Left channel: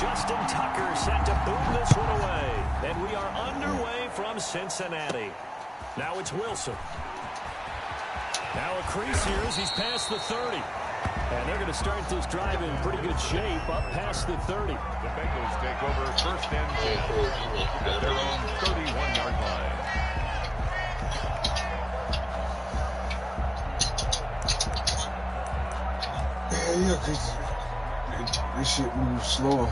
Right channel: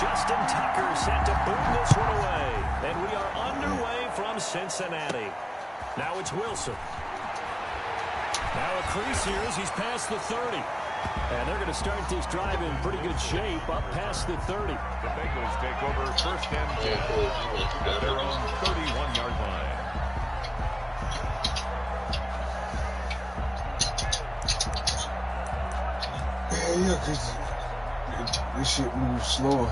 Justin Tucker set to boom this one away. And we are underway from Cincinnati. Now it's Wilson. Now a crease here as he's past the 30. And they're going to start this drive in pretty good shape up past the 30. The Bengals take over first and 10 at their own 31-yard line. Yeah, because this shit moves slower.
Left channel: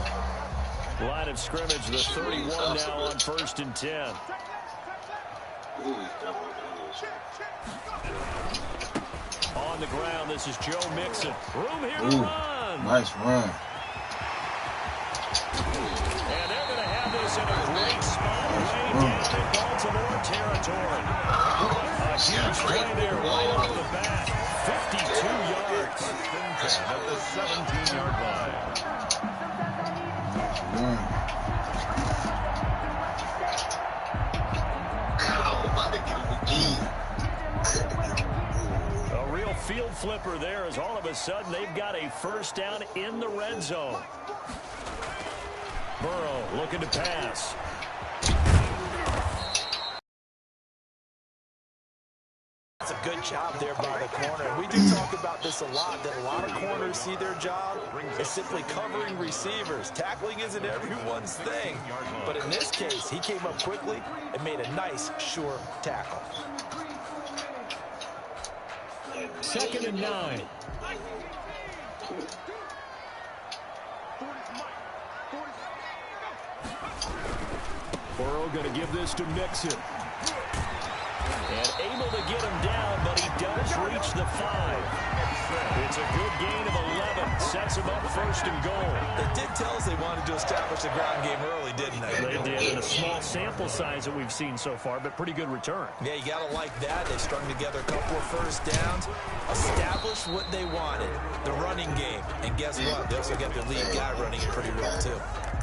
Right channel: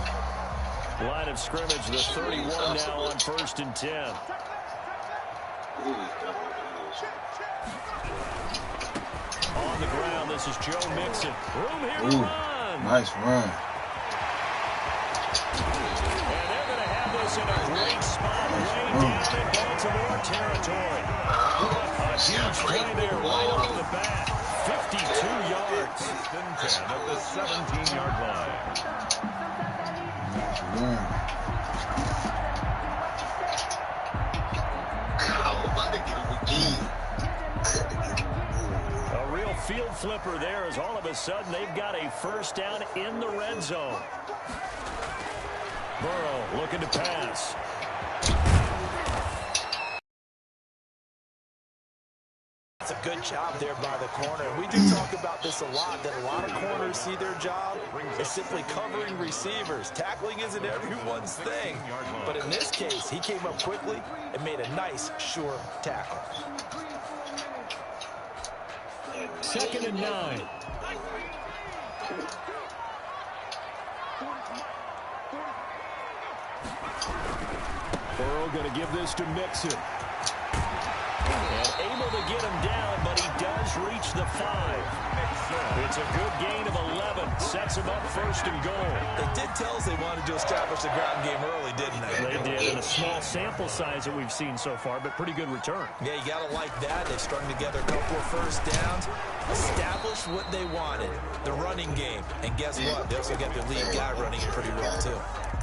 Line of scrimmage, the 31 now on first and 10. On the ground, this is Joe Mixon. Room here to run. Nice run. And they're going to have this in a great spot way down in Baltimore territory. A huge play there right off the bat. 52 yards. First and 10 at the 17-yard line. Nice run. A real field flipper there as all of a sudden they've got a first down in the red zone. Burrow looking to pass. That's a good job there by the corner. We do talk about this a lot, that a lot of corners see their job as simply covering receivers. Tackling isn't everyone's thing. But in this case, he came up quickly and made a nice, sure tackle. 2nd and 9. Burrow going to give this to Mixon. And able to get him down, but he does reach the 5. It's a good gain of 11. Sets him up first and goal. They did tell us they wanted to establish the ground game early, didn't they? They did, in a small sample size that we've seen so far, but pretty good return. Yeah, you got to like that. They strung together a couple of first downs, established what they wanted, the running game. And guess what? They also got their lead guy running it pretty well, too.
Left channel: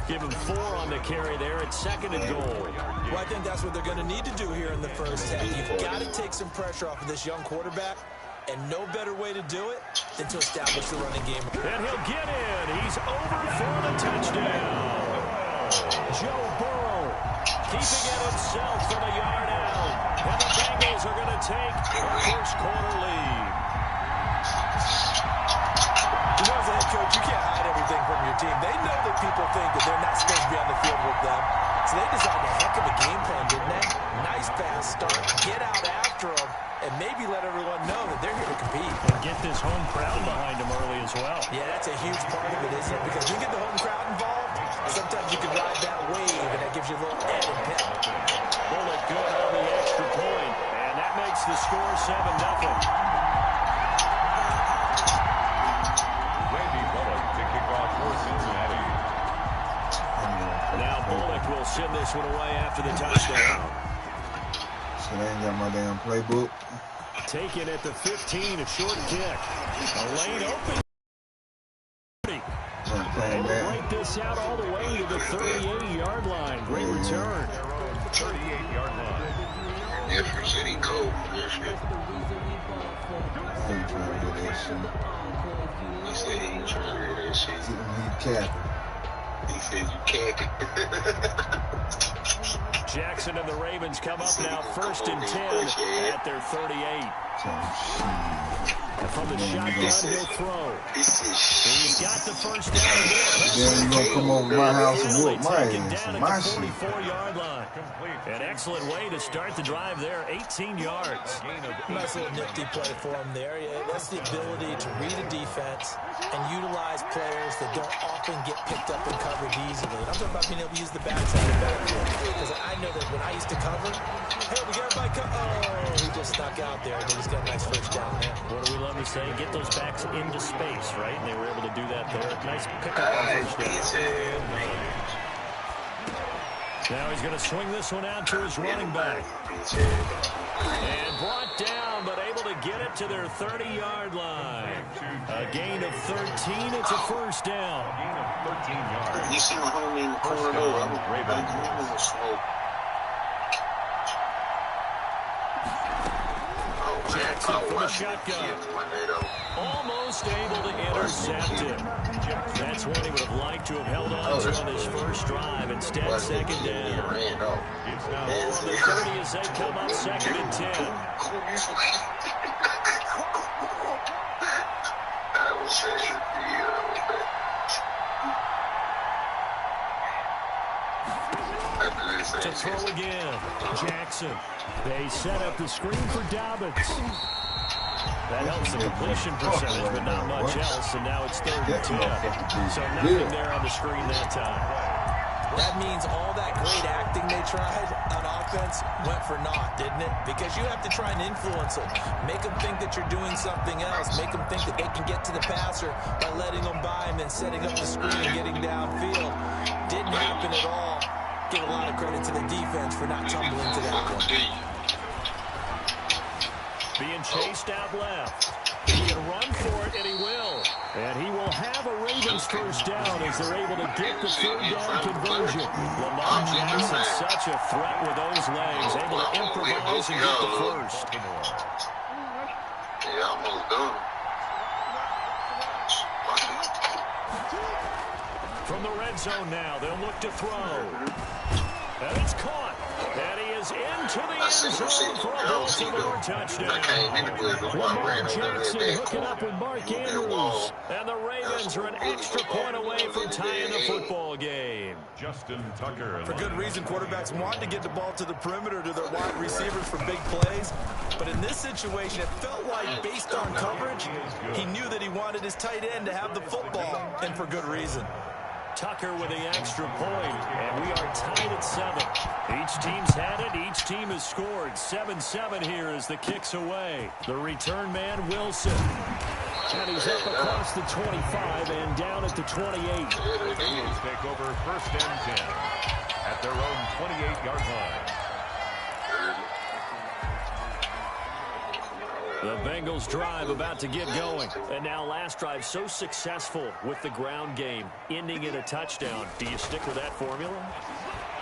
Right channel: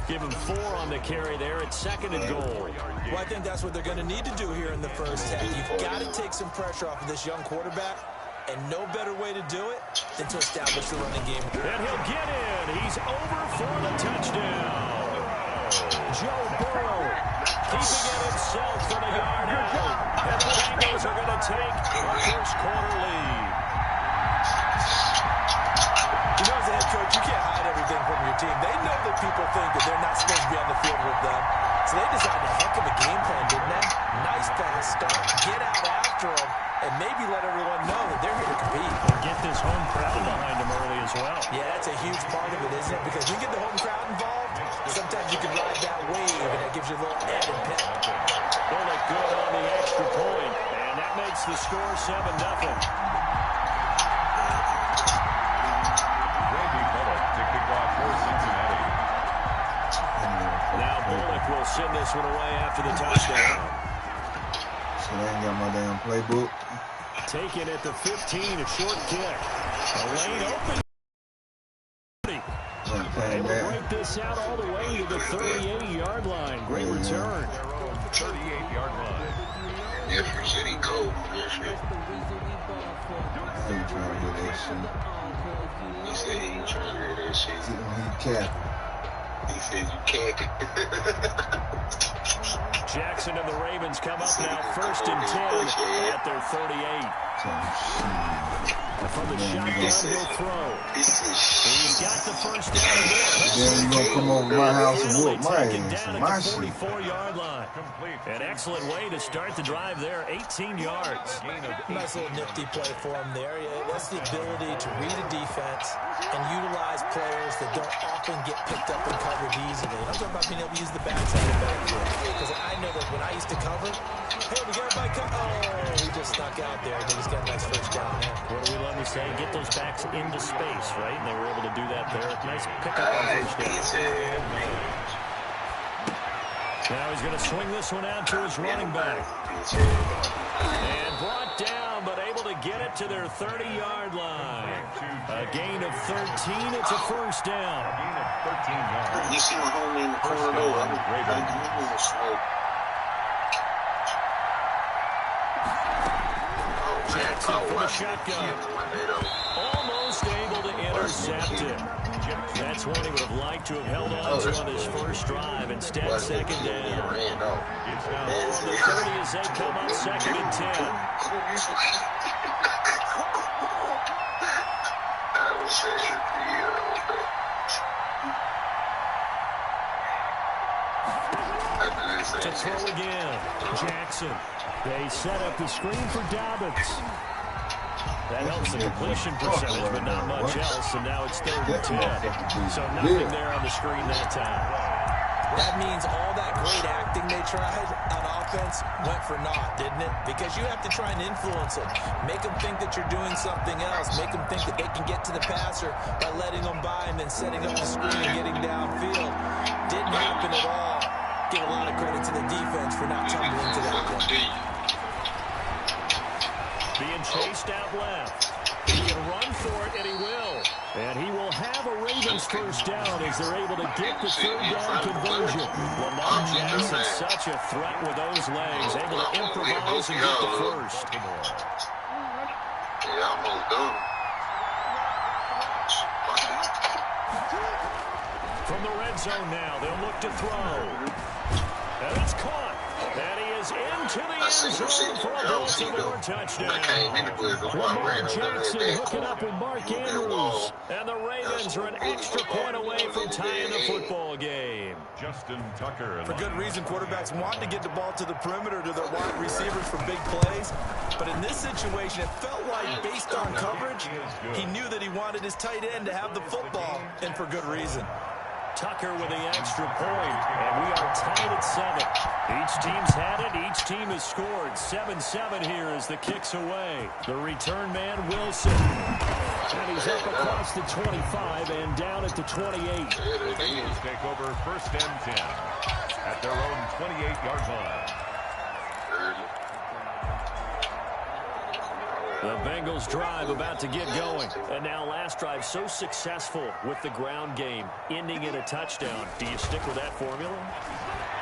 Give him 4 on the carry there at 2nd and goal. Well, I think that's what they're going to need to do here in the first half. You've got to take some pressure off of this young quarterback, and no better way to do it than to establish the running game. And he'll get in. He's over for the touchdown. Joe Burrow keeping it himself from a yard out. And the Bengals are going to take a first quarter lead. You know, as a head coach, you can't hide everything from your team. They know that people think that they're not supposed to be on the field with them. So they designed a heck of a game plan, didn't they? Nice fast start, get out after them, and maybe let everyone know that they're here to compete. And get this home crowd behind them early as well. Yeah, that's a huge part of it, isn't it? Because you get the home crowd involved, sometimes you can ride that wave, and that gives you a little added pep. Bullock good on the extra point, and that makes the score 7-0. To kick off for Cincinnati. Now Bullock will send this one away after the touchdown. So they ain't got my damn playbook. Taken at the 15, a short kick. A lane open. Able to break this out all the way to the 38-yard line. Great return. Their own 38-yard line. Different city code. I ain't trying to do that shit. He said he ain't trying to hear that shit. He capping. He said you can't. Jackson and the Ravens come up now first and 10 at their 38. And from the shotgun, he'll throw. He's got the first down. Then you gonna come over my house and whoop my ass. My shit. 44-yard line. An excellent way to start the drive there, 18 yards. Nice little nifty play for him there. Yeah, that's the ability to read a defense and utilize players that don't often get picked up and covered easily. And I'm talking about being able to use the backside of the backfield. Because I know that when I used to cover, hey, we got everybody covered. Oh, he just snuck out there, and they just got a nice first down there. What do we love to say? Get those backs into space, right? And they were able to do that there. Nice pickup on first down. Now he's going to swing this one out to his running back. And brought down, but able to get it to their 30-yard line. A gain of 13. It's a first down. A gain of 13 yards. You see my homie in the corner though. I'm slow. Jackson from the shotgun. Almost able to intercept it. That That's one he would have liked to have held on to on his first drive. Instead, second down. It's now On the 30 as they come up 2nd and 10. To throw again. Jackson. They set up the screen for Dobbins. That helps the completion percentage, but not much else. And now it's 3rd and 10. So nothing there on the screen that time. That means all that great acting they tried on offense went for naught, didn't it? Because you have to try and influence them. Make them think that you're doing something else. Make them think that they can get to the passer by letting them by and then setting up the screen and getting downfield. Didn't happen at all. Give a lot of credit to the defense for not tumbling to that one. Being chased out left. He can run for it, and he will. And he will have a Ravens first down as they're able to get the 3rd down conversion. Lamar Jackson, such a threat with those legs, able to improvise and get the first. Yeah, almost done. From the red zone now, they'll look to throw. And it's caught. And he is into the end zone for a Baltimore touchdown. Lamar Jackson hooking up with Mark Andrews. And the Ravens are an extra point away from tying the football game. Justin Tucker. For good reason, quarterbacks want to get the ball to the perimeter to their wide receivers for big plays. But in this situation, it felt like, based on coverage, he knew that he wanted his tight end to have the football, and for good reason. Tucker with the extra point, and we are tied at 7. Each team's had it. Each team has scored. 7-7 here as the kick's away. The return man, Wilson. And he's up across the 25 and down at the 28. The Bengals take over 1st and 10 at their own 28-yard line. The Bengals drive about to get going. And now last drive so successful with the ground game, ending in a touchdown. Do you stick with that formula?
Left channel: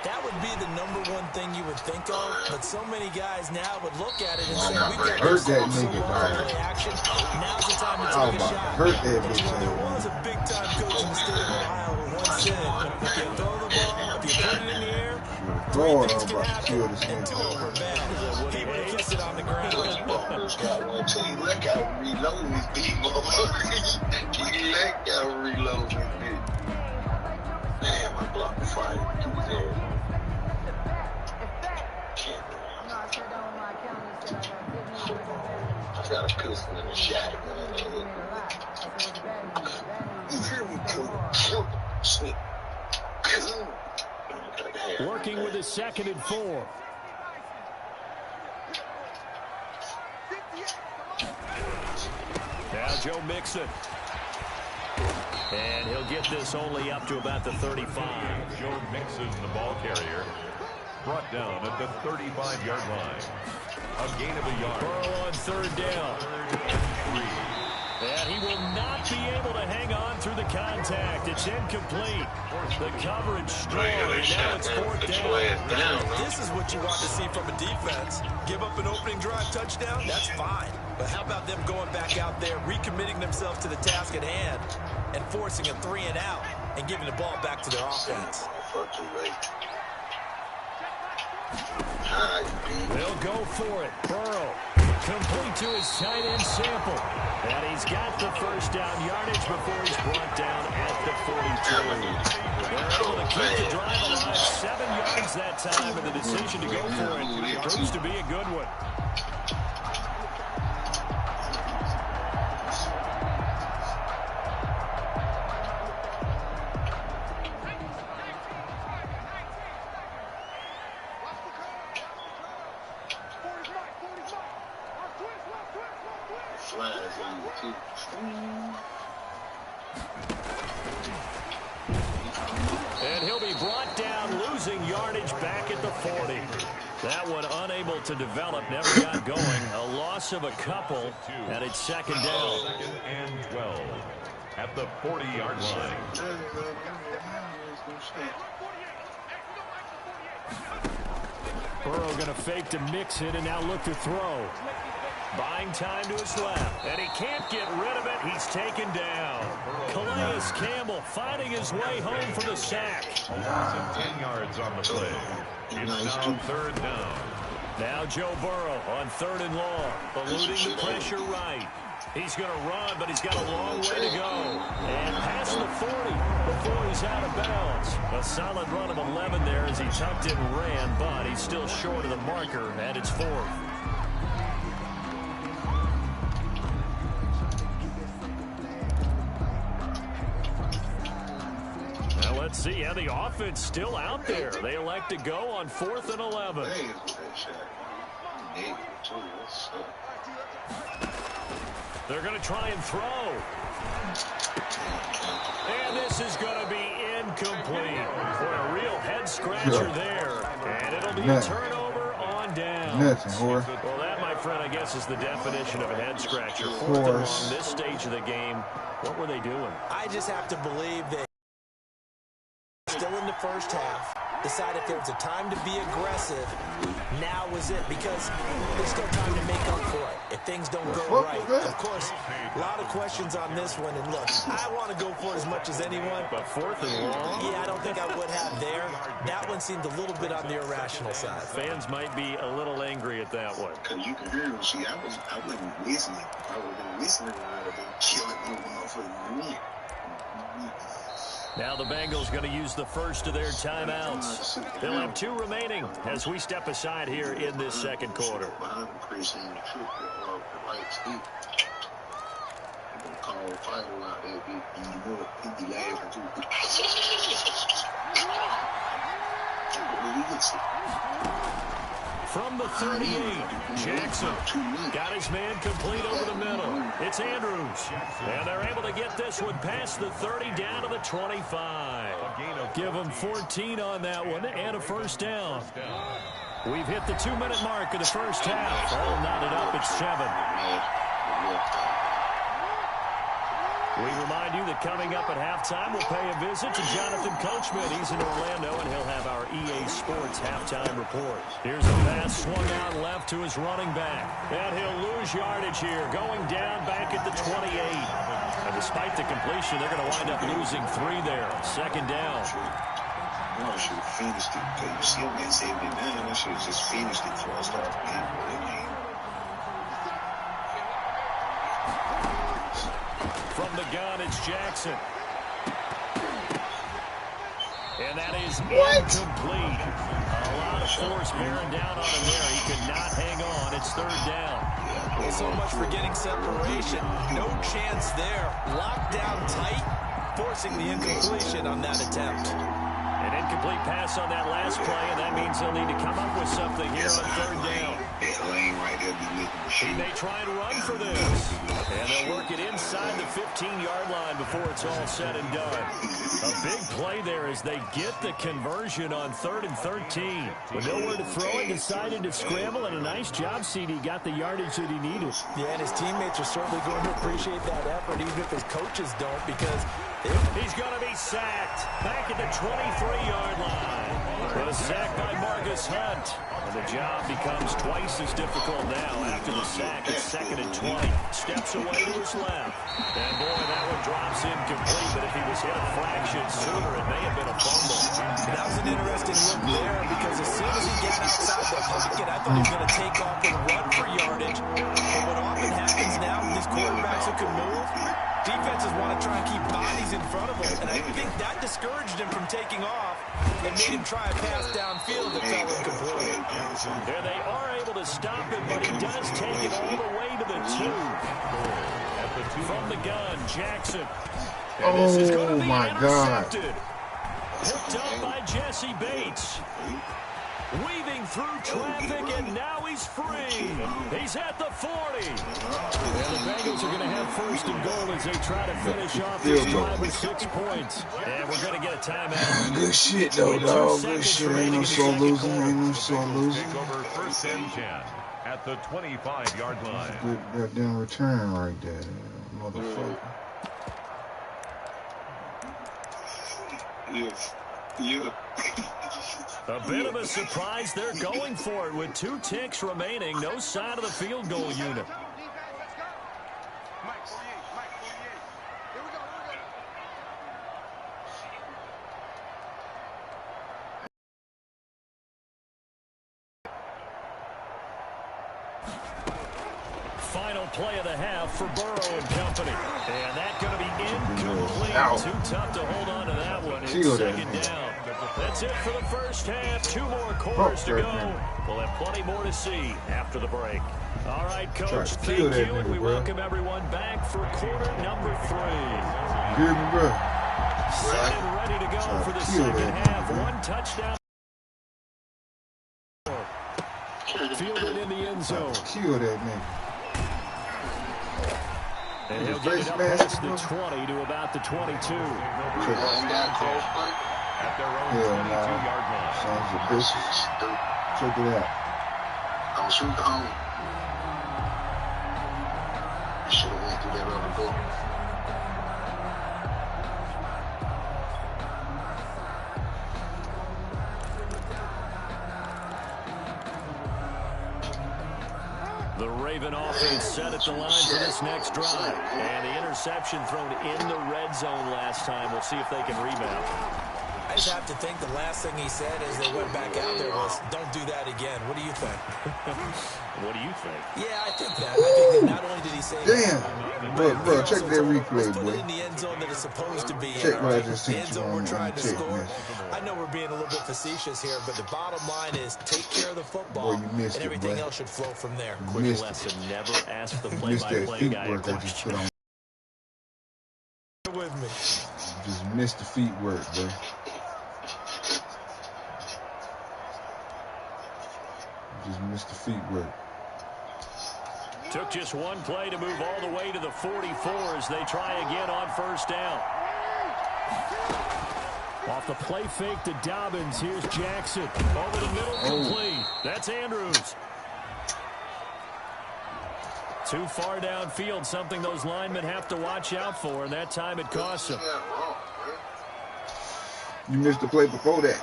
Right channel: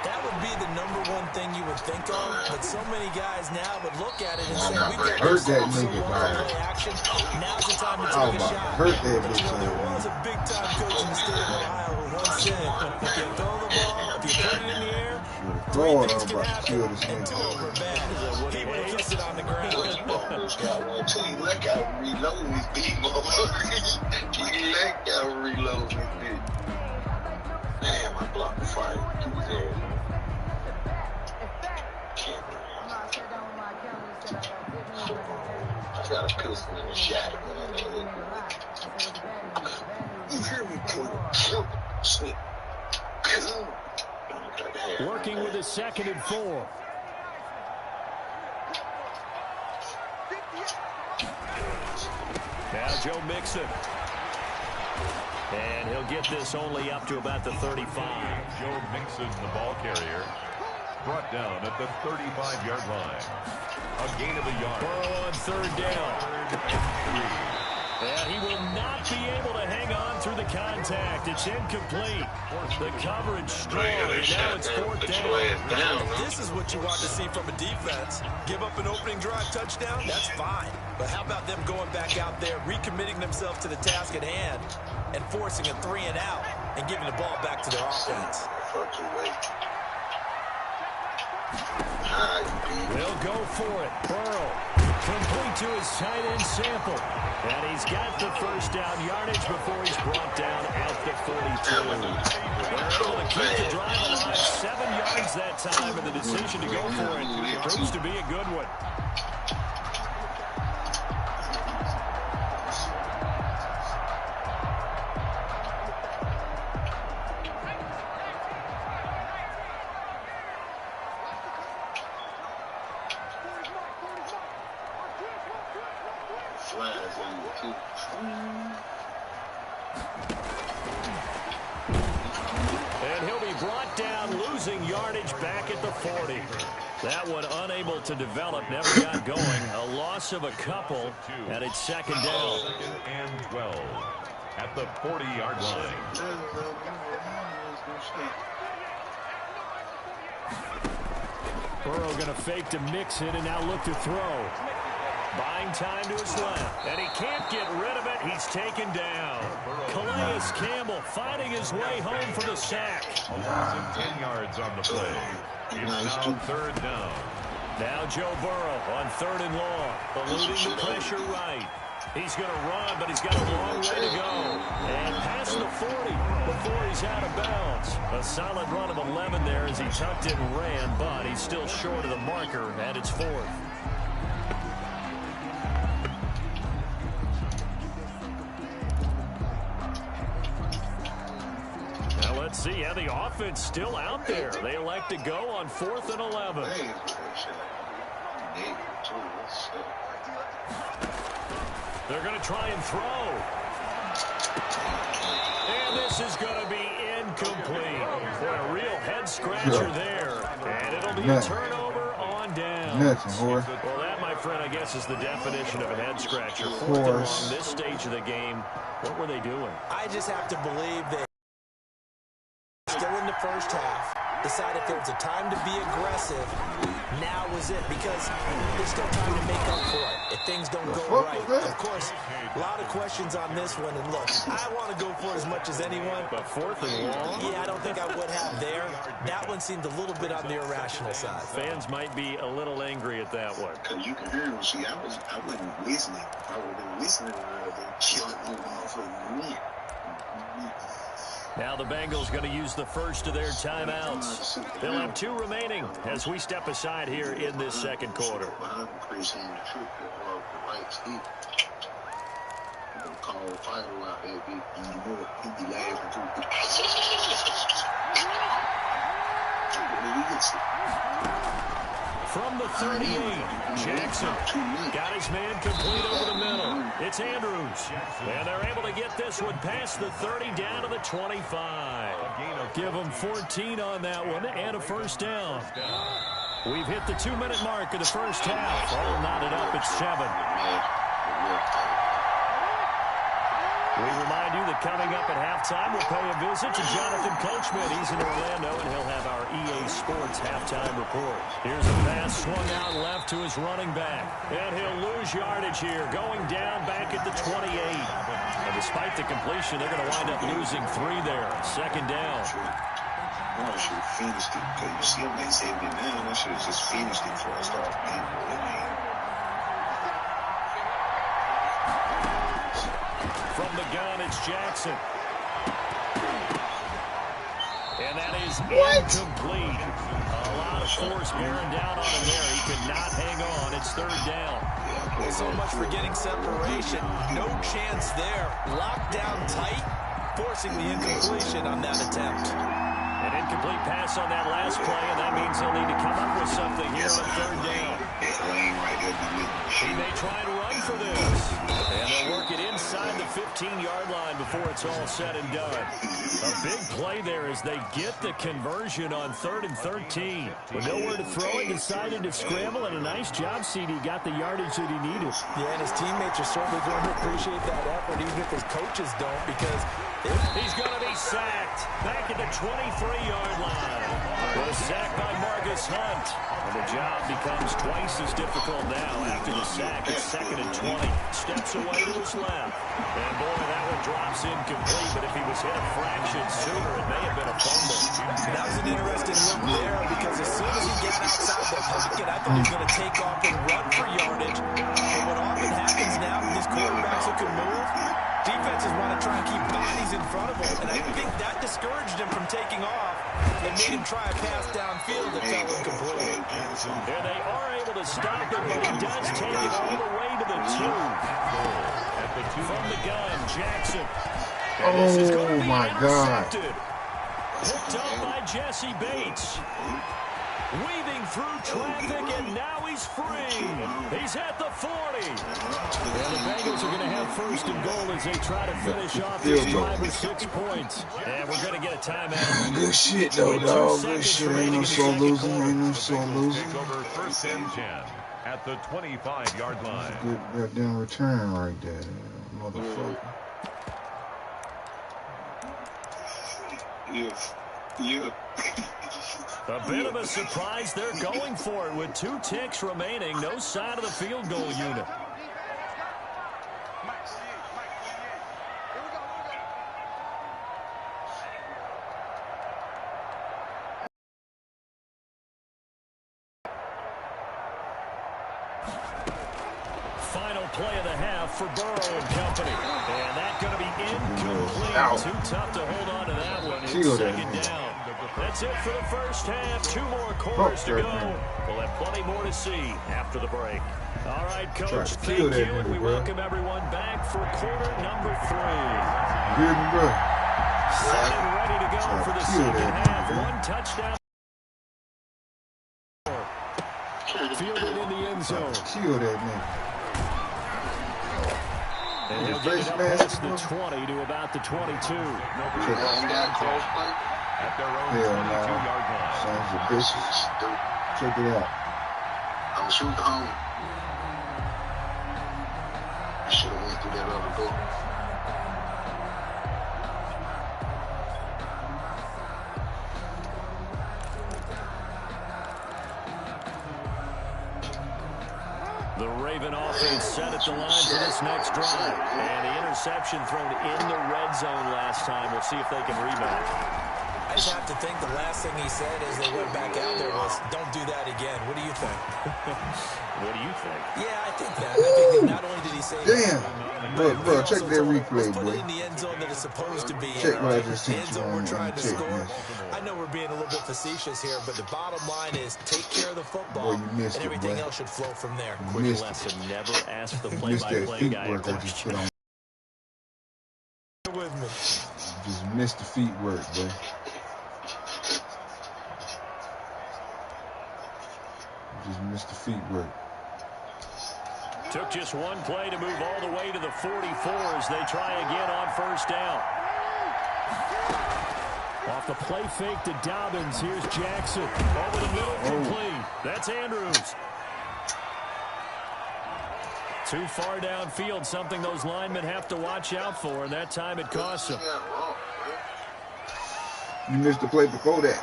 That would be the #1 thing you would think of, but so many guys now would look at it and say, we've got ourselves so long play action. Now's the time to take a shot. But you know, there was a big-time coach in the state of Ohio who once said, if you throw the ball, if you put it in the air, 3 things can happen, and 2 of them are bad. He would have kissed it on the ground. He got reload his beat, motherfucker. He got reload his beat. Damn, I blocked the fight. I got a pistol in the shack, man. You hear me, Sneak. Working with his 2nd and 4. Now Joe Mixon. And he'll get this only up to about the 35. Joe Mixon, the ball carrier, brought down at the 35-yard line. A gain of a yard. Burrow on 3rd down. 3rd and 3. And he will not be able to hang on through the contact. It's incomplete. The coverage strong, and now it's 4th down. This is what you want to see from a defense. Give up an opening drive touchdown, that's fine. But how about them going back out there, recommitting themselves to the task at hand, and forcing a 3 and out, and giving the ball back to their offense? They'll go for it. Burrow complete to his tight end Sample. And he's got the first down yardage before he's brought down at the 42. They're able to keep the drive alive. 7 yards that time, and the decision to go for it proves to be a good one. And he'll be brought down, losing yardage back at the 40. That one unable to develop, never got going. A loss of a couple, and it's 2nd down. 2nd and 12 at the 40-yard line. Burrow going to fake to Mixon and now look to throw. Buying time to his left. And he can't get rid of it. He's taken down. Calais Campbell fighting his way home for the sack. 10 yards on the play. It's now third down. Now Joe Burrow on 3rd and long. Eluding the pressure right. He's going to run, but he's got a long way to go. And past the 40 before he's out of bounds. A solid run of 11 there as he tucked it and ran, but he's still short of the marker, and it's 4th. Now let's see how the offense still out there. They elect to go on 4th and 11. They're going to try and throw. And this is going to be incomplete. For a real head-scratcher there. And it'll be a turnover on down. Well, that, my friend, I guess is the definition of a head-scratcher. 4th and long, this stage of the game. What were they doing? I just have to believe they still in the first half. Decided if there was a time to be aggressive, now was it, because there's still time to make up for it if things don't go right. Of course, a lot of questions on this one, and look, I want to go for it as much as anyone. But 4th and long? Yeah, I don't think I would have there. That one seemed a little bit on the irrational side. Fans might be a little angry at that one. Because you can hear him. See, I wasn't listening. If I would have been listening, I would have been killing the motherfucking win. Now the Bengals going to use the first of their timeouts. They'll have 2 remaining as we step aside here in this second quarter. From the 38, Jackson got his man complete over the middle. It's Andrews. And they're able to get this one past the 30 down to the 25. Give them 14 on that one and a first down. We've hit the 2-minute mark of the first half. All knotted up at 7. We remind you that coming up at halftime, we'll pay a visit to Jonathan Coachman. He's in Orlando, and he'll have our EA Sports halftime report. Here's a pass swung out left to his running back. And he'll lose yardage here, going down back at the 28. And despite the completion, they're going to wind up losing 3 there. Second down. I should have finished it. Because you see him at 79, I should have just finished it before I started playing for the game. From the gun, it's Jackson. And that is incomplete. A lot of force bearing down on him there. He could not hang on. It's 3rd down. Well, so much for getting separation. No chance there. Locked down tight, forcing the incompletion on that attempt. An incomplete pass on that last play, and that means they'll need to come up with something here on 3rd down. He may try and run for this. And they'll work it inside the 15-yard line before it's all said and done. A big play there as they get the conversion on 3rd and 13. With nowhere to throw it, decided to scramble, and a nice job, CD. Got the yardage that he needed. Yeah, and his teammates are certainly going to appreciate that effort, even if his coaches don't, because he's going to be sacked back at the 23-yard line. The sack by Marcus Hunt. And the job becomes twice as difficult now after the sack. It's 2nd and 20. Steps away to his left. And, boy, that one drops incomplete. But if he was hit a fraction sooner, it may have been a fumble. That was an interesting look there because as soon as he got outside the pocket, I thought he was going to take off and run for yardage. But what often happens now with these quarterbacks who can move, defenses want to try and keep bodies in front of him, and I think that discouraged him from taking off and made him try a pass downfield that fell incomplete. And they are able to stop him, but he does take it all the way to the 2. From the gun, Jackson. And this is going to be intercepted. Picked up by Jesse Bates. Weaving through traffic, and now he's free. He's at the 40. And the Bengals are going to have 1st and goal as they try to finish off this drive with 6 points. And we're going to get a timeout. Good shit, though, dog. Good shit. Ain't no sore losing. Ain't no sore losing. Take over 1st and 10 at the 25-yard line. Good goddamn return right there, motherfucker. Yeah. A bit of a surprise. They're going for it with 2 ticks remaining. No sign of the field goal unit. final play of the half for Burrow and company. And that's going to be incomplete. Ow. Too tough to hold on to that one. It's Killed that second man. down. That's it for the first half. 2 more quarters to go. We'll have plenty more to see after the break. All right, Coach, thank you, and we welcome everyone back for quarter number 3. You hear me, bro? Set and ready to go for the second half. 1 touchdown. Fielded in the end zone. Kill that nigga. And he'll get it up past the 20 to about the 22. At their own 22-yard line. Sons of bitches. Check it out. Don't shoot the home. You should have went through that other door. The Raven offense set at the line for this next drive. And the interception thrown in the red zone last time. We'll see if they can rebound. I just have to think the last thing he said as they went back out there was, don't do that again. What do you think? What do you think? Yeah, I think that. I think that not only did he say Damn. Bro, check that replay, put boy. it in the end zone that it's supposed to be Check in. what I just The sent end you zone on we're trying to check, score. man. I know we're being a little bit facetious here, but the bottom line is take care of the football, Boy, you missed and it, everything boy. else should flow from there. You Quick missed lesson. it. Never ask the You missed that play-by-play feet guy a work I just put question. on. With me. Just missed the feet work, boy. Just missed the feet work. Took just 1 play to move all the way to the 44 as they try again on first down. Off the play fake to Dobbins. Here's Jackson. Over the middle, complete. That's Andrews. Too far downfield, something those linemen have to watch out for, and that time it costs them. You missed the play before that.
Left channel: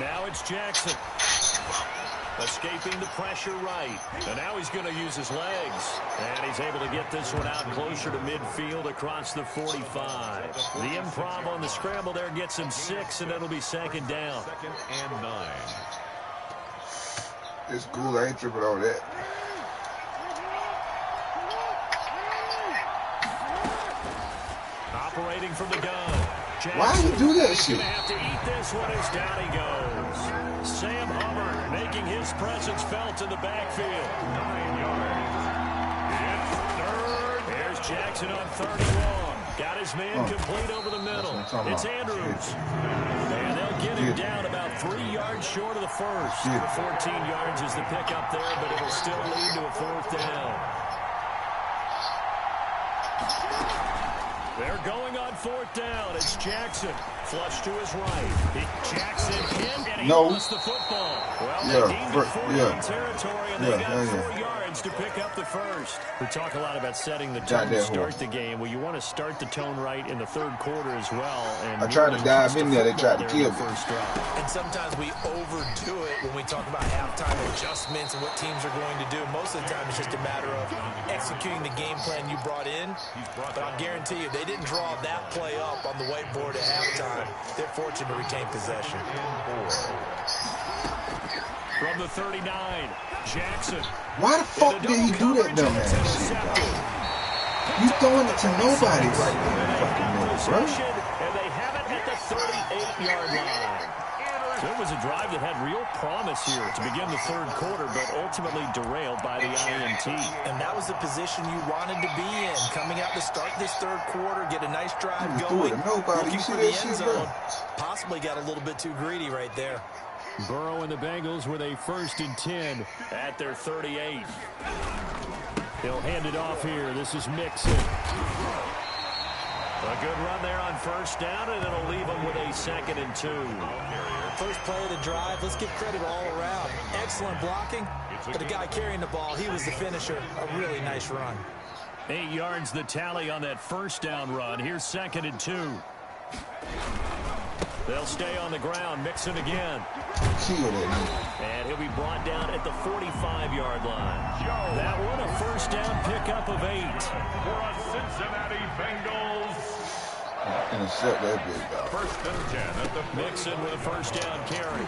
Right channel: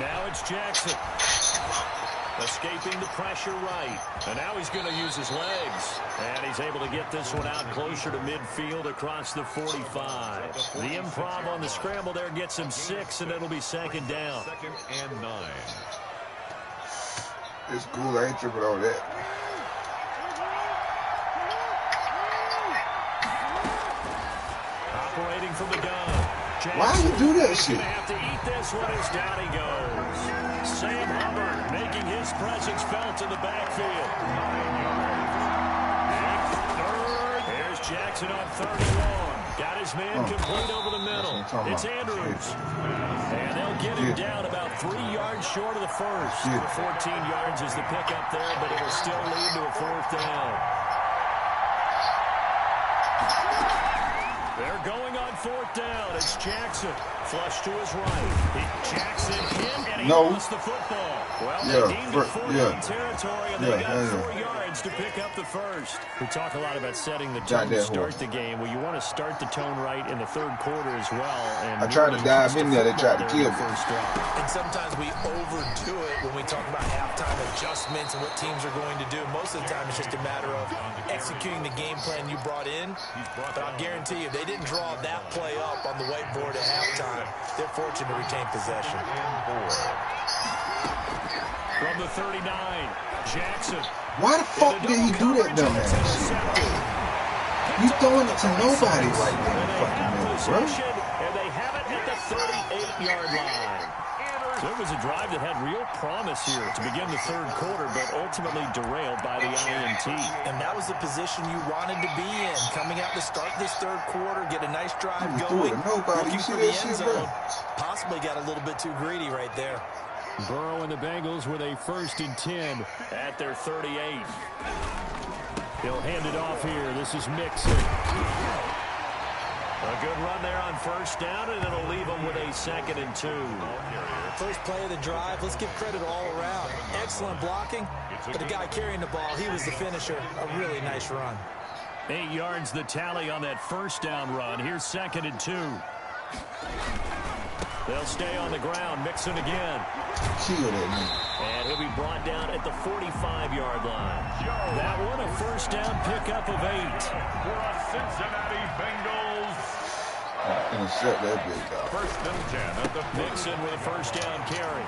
Now it's Jackson. Escaping the pressure right. And now he's going to use his legs. And he's able to get this one out closer to midfield across the 45. The improv on the scramble there gets him 6, and it'll be second down. 2nd and 9. It's cool. I ain't tripping on that. Operating from the gun. Jackson. Why you do that shit? Gonna have to eat this one as down he goes. Sam Hubbard making his presence felt in the backfield. 9 yards. It's third. Here's Jackson on 31. Got his man complete over the middle. It's Andrews. And they'll get him down about 3 yards short of the first. The 14 yards is the pickup there, but it'll still lead to a 4th down. They're going on 4th down. It's Jackson. Flush to his right. Jackson in, and he lost the football. Well, they deemed it 4-down territory, and they got 4 yards to pick up the first. We talk a lot about setting the tone to start the game. Well, you want to start the tone right in the 3rd quarter as well. And I tried to dive in there. They tried to kill me. And sometimes we overdo it when we talk about halftime adjustments and what teams are going to do. Most of the time, it's just a matter of executing the game plan you brought in. But I'll guarantee you, they didn't draw that play up on the whiteboard at halftime. They're fortunate to retain possession. From the 39, Jackson. Why the fuck did he do that dumbass shit, dog? You throwing it to nobody right now in the fucking middle, bro. And they have it at the 38-yard line. There was a drive that had real promise here to begin the 3rd quarter, but ultimately derailed by the INT. And that was the position you wanted to be in. Coming out to start this 3rd quarter, get a nice drive going. Looking for the end zone. Possibly got a little bit too greedy right there. Burrow and the Bengals with a 1st and 10 at their 38. He'll hand it off here. This is Mixon. A good run there on 1st down, and it'll leave them with a 2nd and 2. First play of the drive. Let's give credit all around. Excellent blocking, but the guy carrying the ball, he was the finisher. A really nice run. 8 yards the tally on that 1st down run. Here's 2nd and 2. They'll stay on the ground. Mixon again. Kill that nigga. And he'll be brought down at the 45-yard line. That one a 1st down pickup of 8. For a Cincinnati Bengals Intercept that big dog. First and 10 at the Mixon with a first down carry.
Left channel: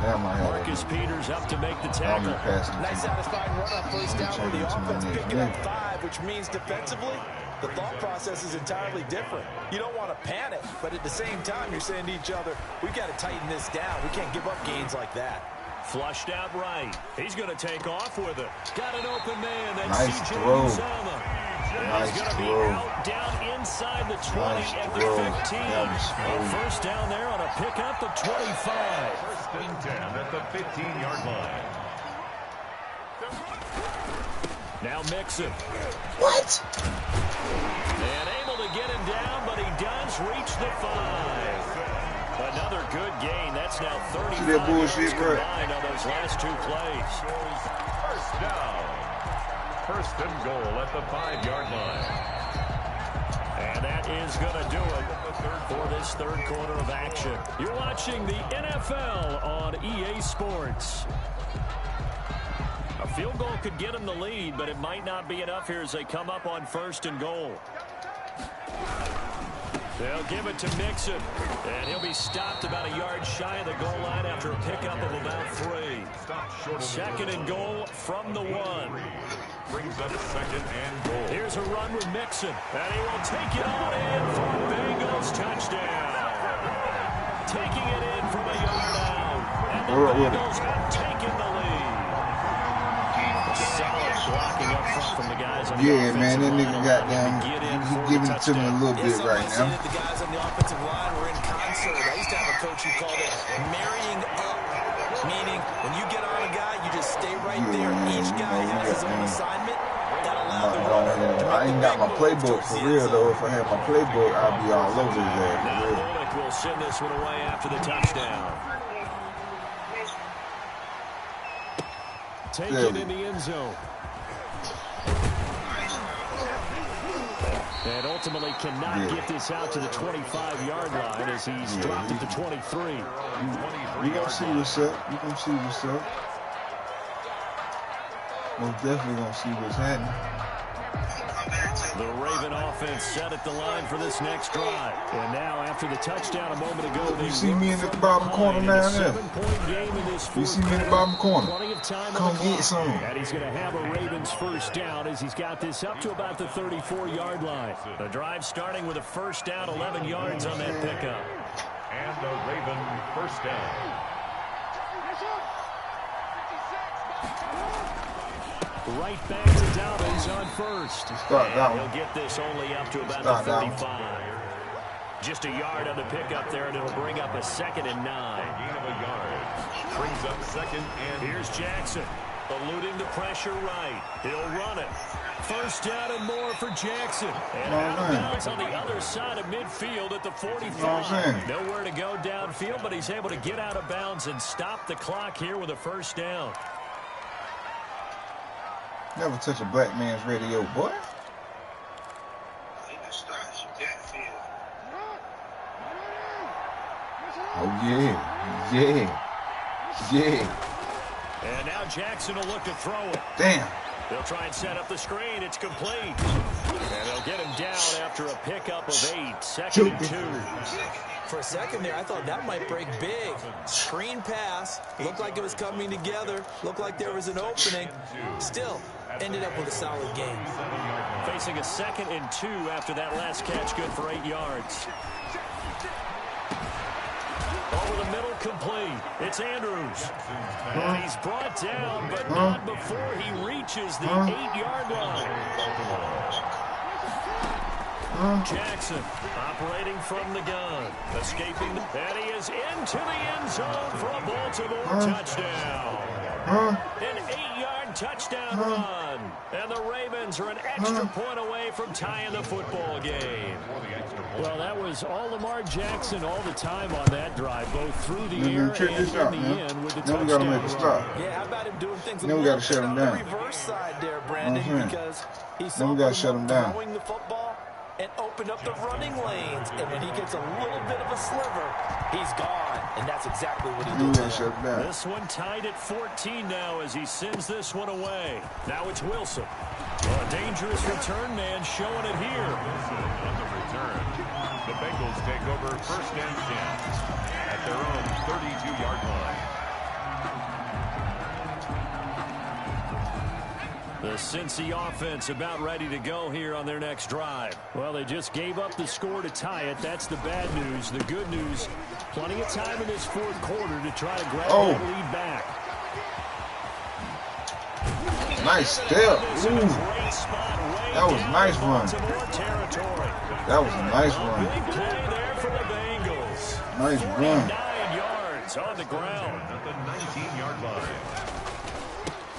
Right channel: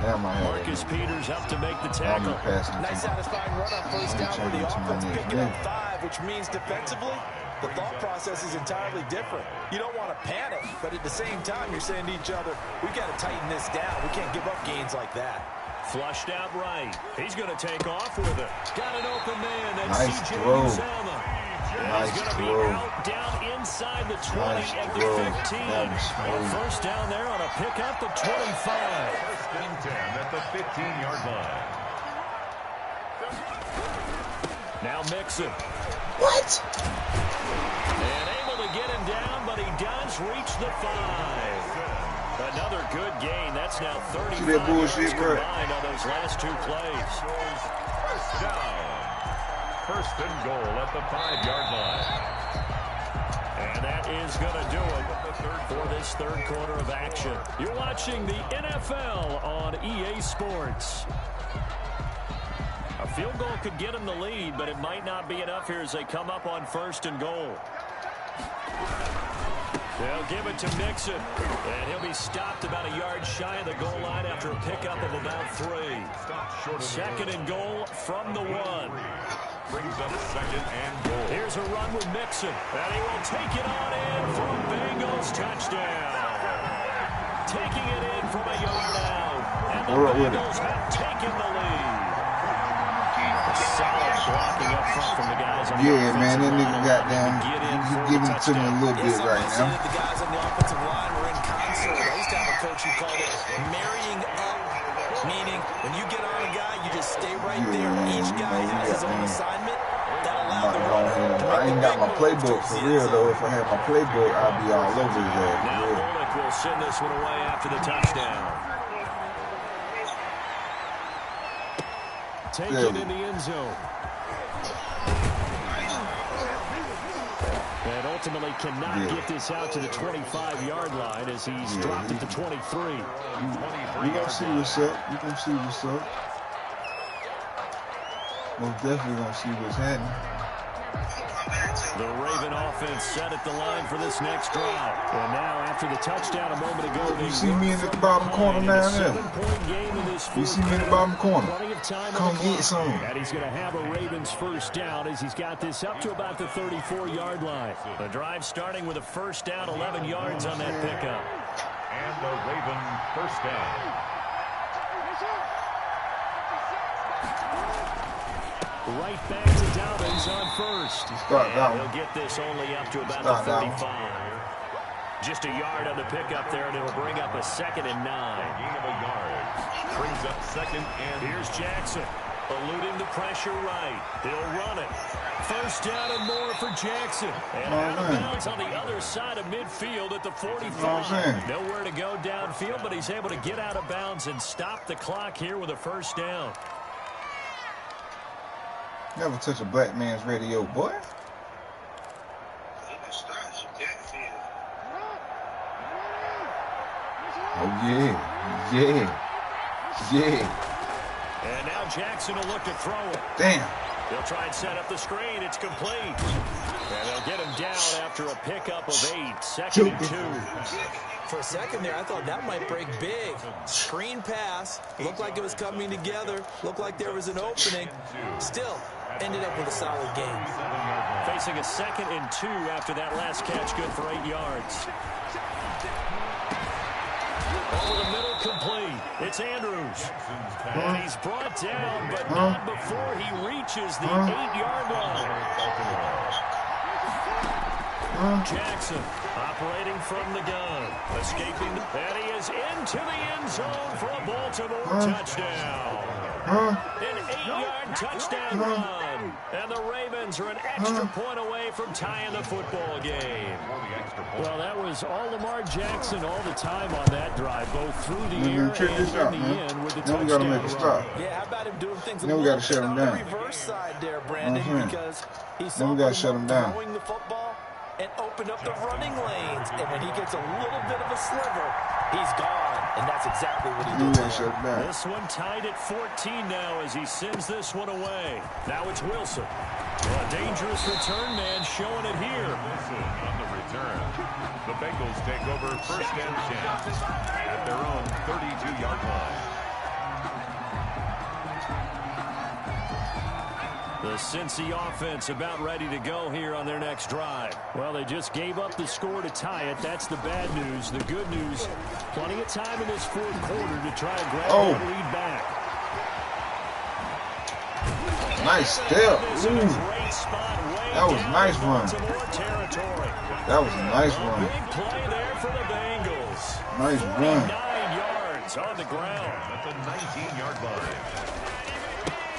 Damn, I had Marcus Peters up to make the tackle. Nice satisfying run on first down for the offense, picking up 5, which means defensively, the thought process is entirely different. You don't want to panic, but at the same time, you're saying to each other, we've got to tighten this down. We can't give up gains like that. Flushed out right. He's going to take off with it. Got an open man. That's Nice C.J. throw. Uzomah. Nice He's going to be throw. out down inside the 20 Nice at the throw. 15. That was smooth. First down there on a pickup of 25. First and 10 at the 15-yard line. Now Mixon. What? And able to get him down, but he does reach the 5. Another good gain. That's now 35 See that bullshit, yards bro? combined on those last 2 plays. First down. First and goal at the 5-yard line. And that is going to do it for this third quarter of action. You're watching the NFL on EA Sports. A field goal could get them the lead, but it might not be enough here as they come up on first and goal. They'll give it to Mixon, and he'll be stopped about a yard shy of the goal line after a pickup of about 3. Second and goal from the 1. Brings up second and goal. Here's a run with Mixon, and he will take it on in for a Bengals touchdown. Taking it in from a yard out, and the Bengals have taken the lead. Solid blocking up front from the guys on the Yeah, man, that offensive nigga line. goddamn, he's giving it to me a little bit right now. The guys on the offensive line were in concert. I used to have a coach who called it marrying up, meaning when you get on a guy, you just stay right there. Each guy has his own assignment. That allowed the runner to make I ain't got my playbook for real, though. If I had my playbook, I'd be all over his ass. Now MUiRK will send this one away after the touchdown. Take it in the end zone. And ultimately cannot get this out to the 25-yard line as he's dropped it to 23. You gonna see what's up. You gonna see what's up. Most definitely gonna see what's happening. The Raven offense set at the line for this next drive. And now, after the touchdown a moment ago, You see me in the bottom corner down there. You see me in the bottom corner. Come get some. And he's going to have a Ravens first down as he's got this up to about the 34-yard line. The drive starting with a first down, 11 yards on that pickup. And a Raven first down. Right back to Dobbins on first. And he'll get this only up to about the 35. Just a yard on the pickup there, and it'll bring up a 2nd and 9. Gain of a yard. Brings up second and... Here's Jackson, eluding the pressure right. He'll run it. First down and more for Jackson. And out of bounds on the other side of midfield at the 45. Nowhere to go downfield, but he's able to get out of bounds and stop the clock here with a first down. Never touch a black man's radio, boy. Oh, yeah. Yeah. And now Jackson will look to throw it. Damn. They'll try and set up the screen. It's complete. And they'll get him down after a pickup of 8. 2nd and 2. For a second there, I thought that might break big. Screen pass. Looked like it was coming together. Looked like there was an opening. Still, ended up with a solid game. Facing a 2nd and 2 after that last catch, good for 8 yards. Over the middle, complete. It's Andrews. And he's brought down, but not before he reaches the 8-yard line. Jackson operating from the gun. Escaping, and he is into the end zone for a Baltimore touchdown. An 8-yard touchdown run. And the Ravens are an extra point away from tying the football game. Well, that was all Lamar Jackson all the time on that drive, both through the air and in the end with the touchdown. Now we got to make a stop. Yeah, how about him doing things Now we got to shut him down. reverse side there, Brandon, because he's now we got to shut him down. throwing the football and open up the running lanes. And when he gets a little bit of a sliver, he's gone. And that's exactly what he did there. This one tied at 14 now as he sends this one away. Now it's Wilson. Well, a dangerous return man showing it here. Wilson on the return. The Bengals take over 1st and 10 at their own 32-yard line. The Cincy offense about ready to go here on their next drive. Well, they just gave up the score to tie it. That's the bad news. The good news, plenty of time in this 4th quarter to try to grab that lead back. Nice step. Ooh. That was a nice run. That was a nice run. Big play there for the Bengals. Nice run. 9 yards on the ground. At the 19-yard line.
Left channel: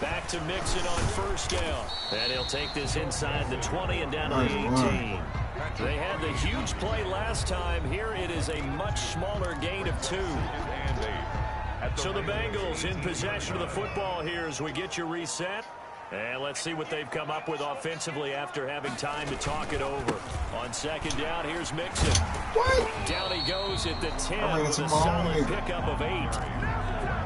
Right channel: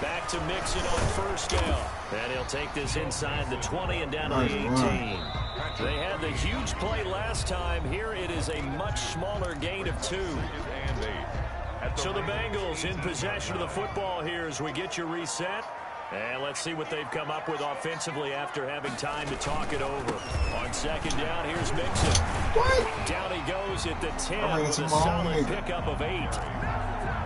Back to Mixon on 1st down. And he'll take this inside the 20 and down to the 18. They had the huge play last time. Here it is a much smaller gain of 2. So the Bengals in possession of the football here as we get you reset. And let's see what they've come up with offensively after having time to talk it over. On 2nd down, here's Mixon. What? Down he goes at the 10 with a solid pickup of 8.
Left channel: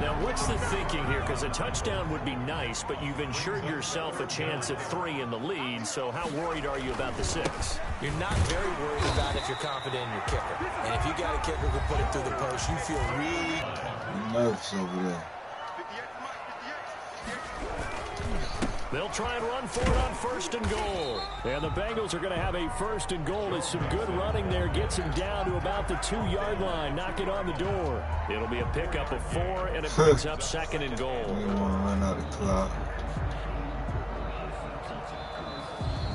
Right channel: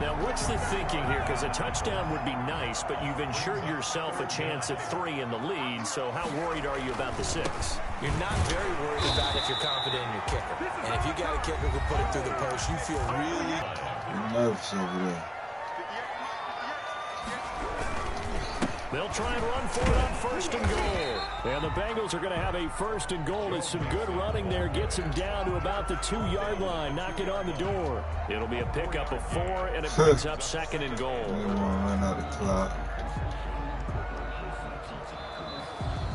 Now, what's the thinking here? Because a touchdown would be nice, but you've ensured yourself a chance at 3 in the lead. So how worried are you about the 6? You're not very worried about if you're confident in your kicker. And if you got a kicker who put it through the post, you feel really nervous over there. They'll try and run for it on 1st and goal. And the Bengals are going to have a 1st and goal. It's some good running there. Gets him down to about the 2-yard line. Knock it on the door. It'll be a pickup of 4, and it brings up 2nd and goal. They want to run out the clock.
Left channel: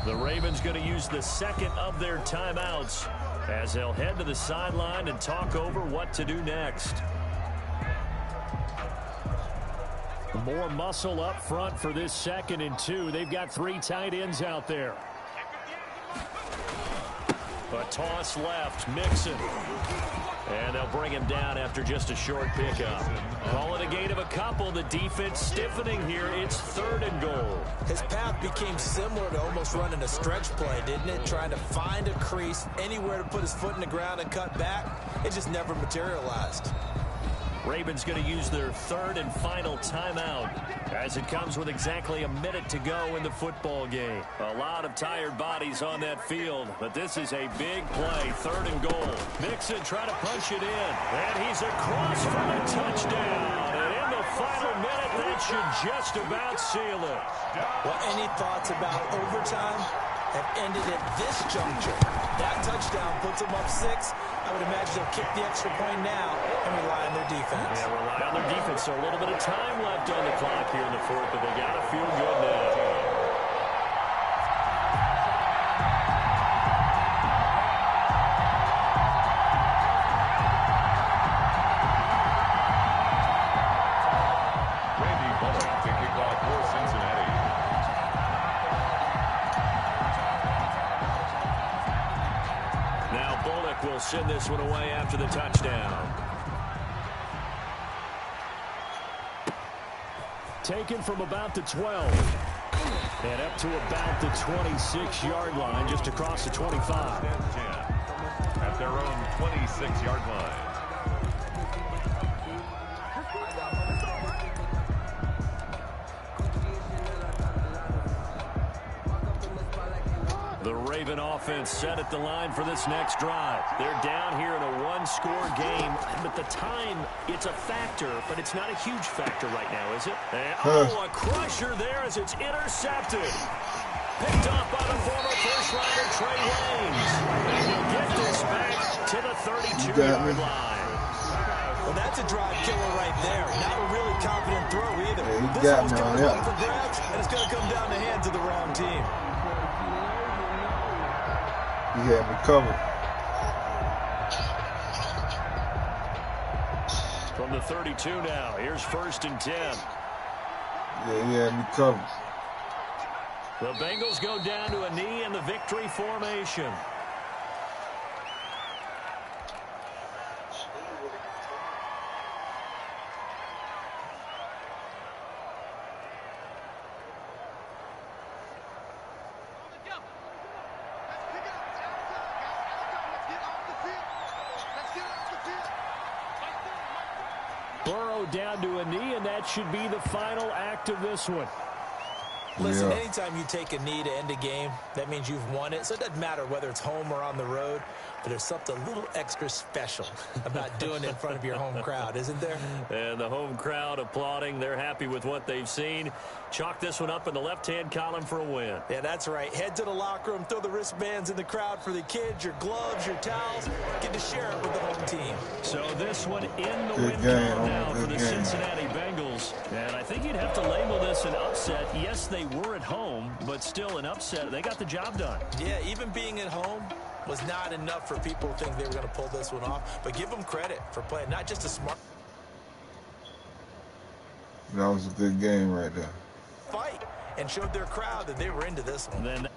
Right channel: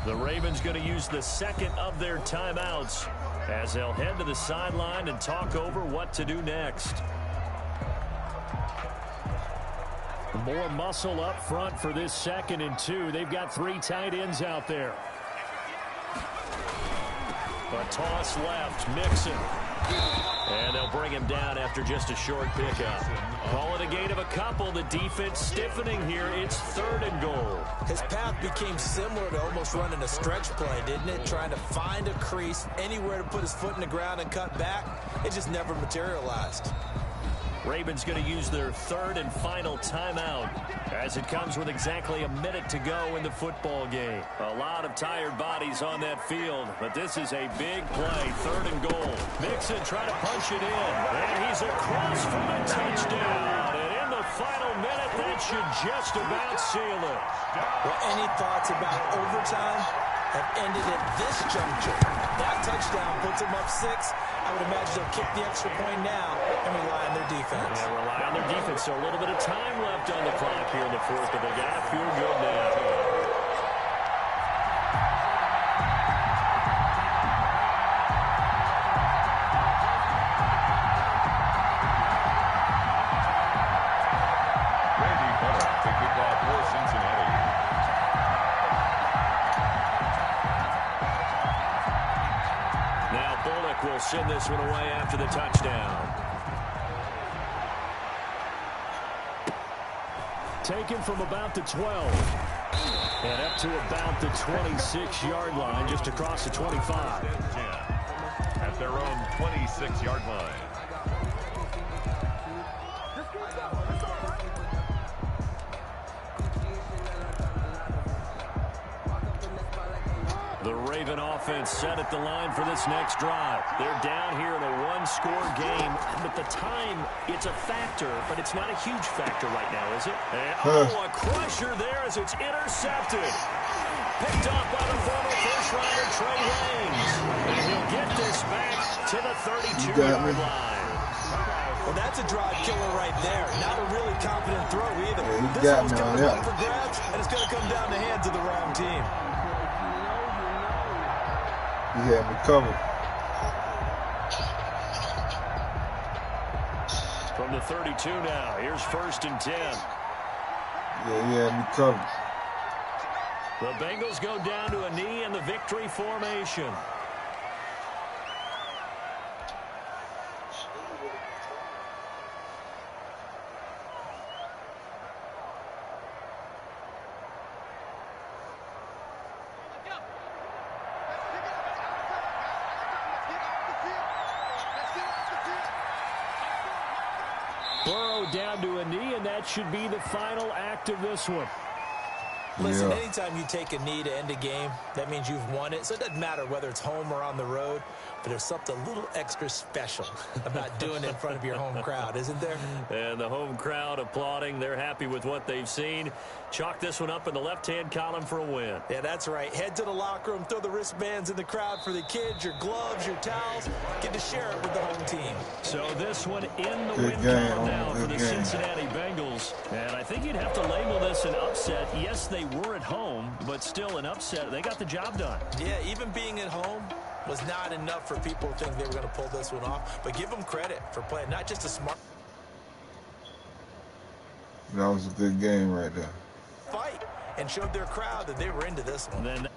The Ravens going to use the 2nd of their timeouts as they'll head to the sideline and talk over what to do next. More muscle up front for this 2nd and 2. They've got 3 tight ends out there. A toss left, Mixon. And they'll bring him down after just a short pickup. Call it a gain of a couple. The defense stiffening here. It's 3rd and goal. His path became similar to almost running a stretch play, didn't it? Trying to find a crease, anywhere to put his foot in the ground and cut back. It just never materialized. Ravens going to use their 3rd and final timeout as it comes with exactly a minute to go in the football game. A lot of tired bodies on that field, but this is a big play. 3rd and goal. Mixon trying to punch it in, and he's across for the touchdown. And in the final minute, that should just about seal it. Well, any thoughts about overtime have ended at this juncture? That touchdown puts them up 6. I would imagine they'll kick the extra point now and rely on their defense. Yeah, rely on their defense. So a little bit of time left on the clock here in the 4th, but they got to feel good now. Randy Bullock to kick off for Cincinnati. Now Bullock will send this one away after the touchdown. Taken from about the 12. And up to about the 26-yard line, just across the 25. At their own 26-yard line. The Raven offense set at the line for this next drive. They're down here in a 1-score game, but the time, it's a factor, but it's not a huge factor right now, is it? And, a crusher there as it's intercepted. Picked off by the former first-rounder Trey Waynes. And he'll get this back to the 32-yard line. Well, that's a drive killer right there. Not a really confident throw either. Yeah, this one's going to up for grabs, and it's going to come down the hands of the wrong team. He had me covered. From the 32 now, here's 1st and 10. Yeah, he had me covered. The Bengals go down to a knee in the victory formation. down to a knee, and that should be the final act of this one. Listen, anytime you take a knee to end a game, that means you've won it. So it doesn't matter whether it's home or on the road, but there's something a little extra special about doing it in front of your home crowd, isn't there? And the home crowd applauding. They're happy with what they've seen. Chalk this one up in the left-hand column for a win. Yeah, that's right. Head to the locker room, throw the wristbands in the crowd for the kids, your gloves, your towels. Get to share it with the home team. So this one in the win column now for the Cincinnati Bengals. And I think you'd have to label this an upset. Yes, they were at home, but still an upset. They got the job done. Yeah, even being at home was not enough for people to think they were going to pull this one off. But give them credit for playing not just a smart That was a good game right there. fight and showed their crowd that they were into this one. Then